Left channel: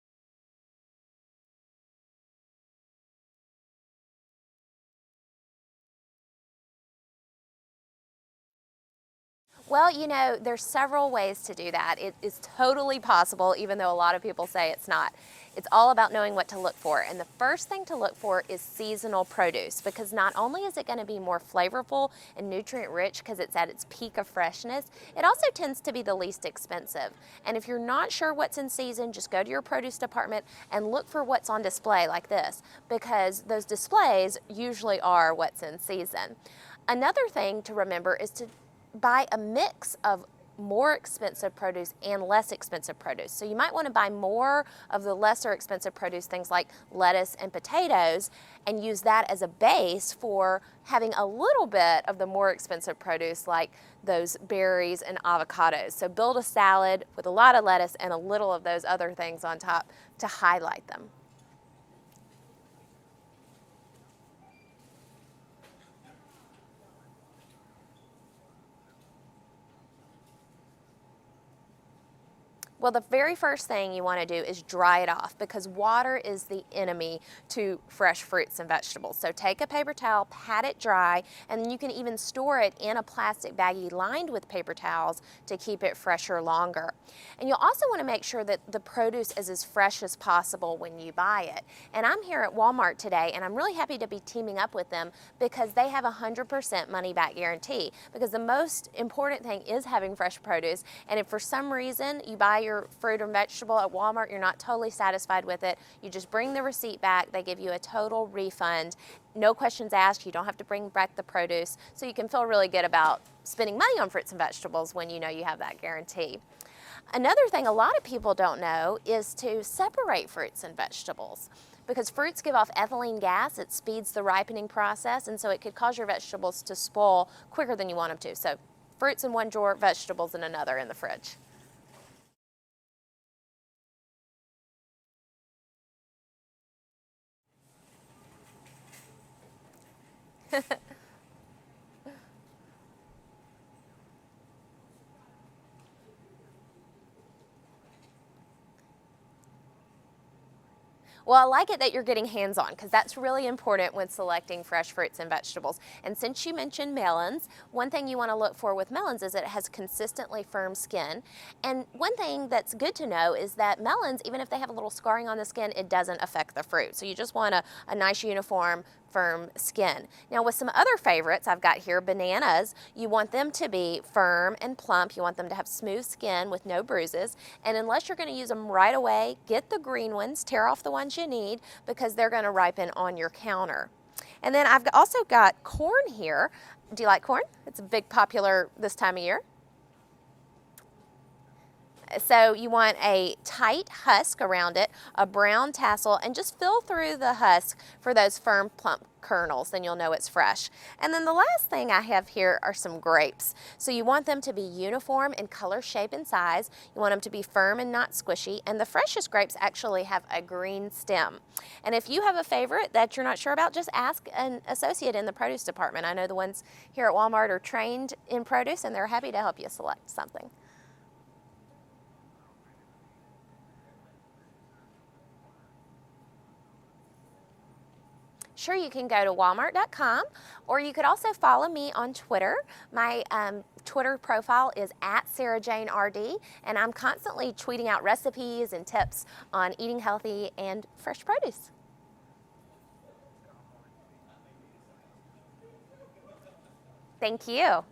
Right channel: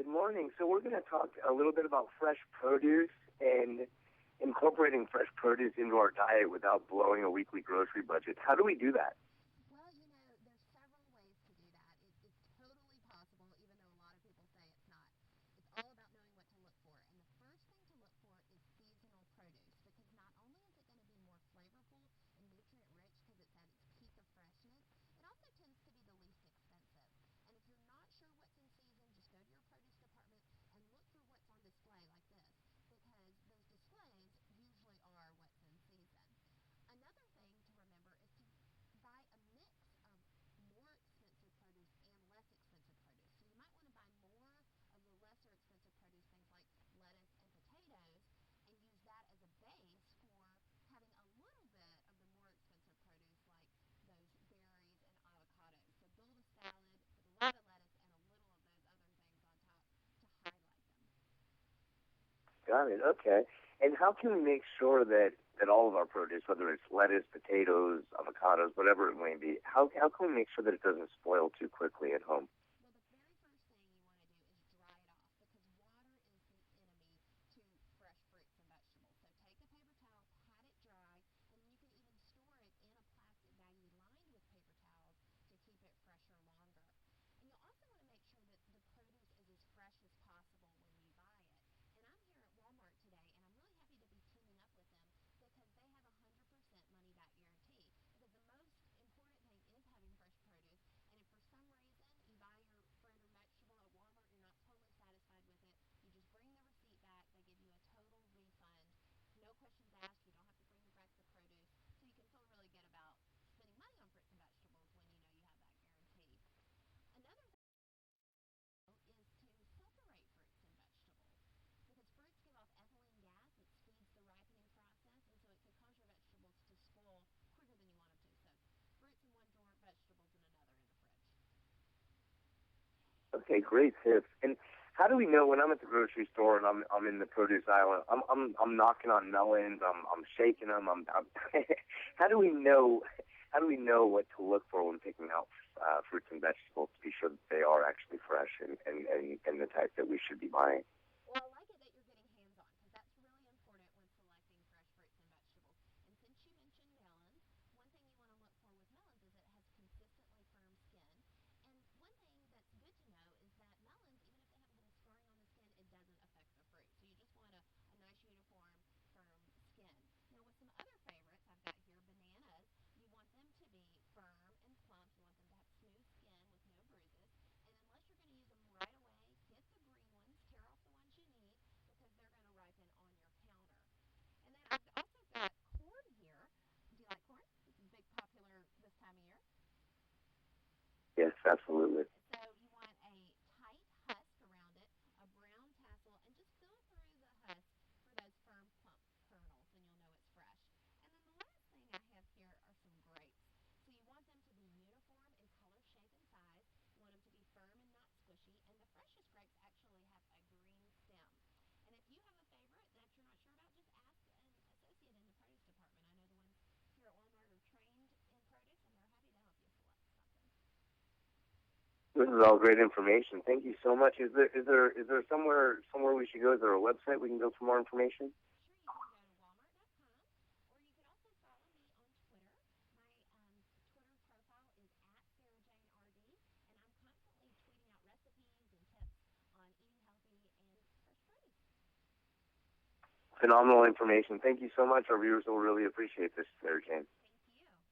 Good morning. So we're going to talk a little bit about fresh produce and incorporating fresh produce into our diet without blowing a weekly grocery budget. How do we do that? Well, you know, there's several ways to do that. It is totally possible, even though a lot of people say it's not. It's all about knowing what to look for. And the first thing to look for is seasonal produce, because not only is it going to be more flavorful and nutrient rich because it's at its peak of freshness, it also tends to be the least expensive. And if you're not sure what's in season, just go to your produce department and look for what's on display like this, because those displays usually are what's in season. Another thing to remember is to buy a mix of more expensive produce and less expensive produce. So you might want to buy more of the lesser expensive produce, things like lettuce and potatoes, and use that as a base for having a little bit of the more expensive produce like those berries and avocados. So build a salad with a lot of lettuce and a little of those other things on top to highlight them. Got it. Okay. And how can we make sure that all of our produce, whether it's lettuce, potatoes, avocados, whatever it may be, how can we make sure that it doesn't spoil too quickly at home? Well, the very first thing you want to do is dry it off, because water is the enemy to fresh fruits and vegetables. So take a paper towel, pat it dry, and then you can even store it in a plastic baggie lined with paper towels to keep it fresher longer. And you'll also want to make sure that the produce is as fresh as possible when you buy it. And I'm here at Walmart today, and I'm really happy to be teaming up with them because they have a 100% money back guarantee, because the most important thing is having fresh produce. And if for some reason you buy your fruit or vegetable at Walmart, you're not totally satisfied with it, you just bring the receipt back. They give you a total refund, no questions asked. You don't have to bring back the produce, so you can feel really good about spending money on fruits and vegetables when you know you have that guarantee. Another thing a lot of people don't know is to separate fruits and vegetables, because fruits give off ethylene gas. It speeds the ripening process, and so it could cause your vegetables to spoil quicker than you want them to. So fruits in one drawer, vegetables in another in the fridge. Okay, great tips. And how do we know when I'm at the grocery store and I'm in the produce aisle? I'm knocking on melons. I'm shaking them. How do we know? How do we know what to look for when picking out fruits and vegetables to be sure that they are actually fresh and the type that we should be buying? Well, I like it that you're getting hands-on, because that's really important when selecting fresh fruits and vegetables. And since you mentioned melons, one thing you want to look for with melons is that it has consistently firm skin. And one thing that's good to know is that melons, even if they have a little scarring on the skin, it doesn't affect the fruit. So you just want a nice uniform firm skin. Now with some other favorites I've got here, bananas, you want them to be firm and plump. You want them to have smooth skin with no bruises. And unless you're going to use them right away, get the green ones, tear off the ones you need, because they're going to ripen on your counter. And then I've also got corn here. Do you like corn? It's a big popular this time of year. Yes, absolutely. So you want a tight husk around it, a brown tassel, and just fill through the husk for those firm, plump kernels. Then you'll know it's fresh. And then the last thing I have here are some grapes. So you want them to be uniform in color, shape, and size. You want them to be firm and not squishy. And the freshest grapes actually have a green stem. And if you have a favorite that you're not sure about, just ask an associate in the produce department. I know the ones here at Walmart are trained in produce, and they're happy to help you select something. This is all great information. Thank you so much. Is there somewhere we should go? Is there a website we can go for more information? Sure, you can go to walmart.com, or you could also follow me on Twitter. My Twitter profile is @SarahJaneRD, and I'm constantly tweeting out recipes and tips on eating healthy and fresh produce. Phenomenal information. Thank you so much. Our viewers will really appreciate this, Sarah Jane. Thank you.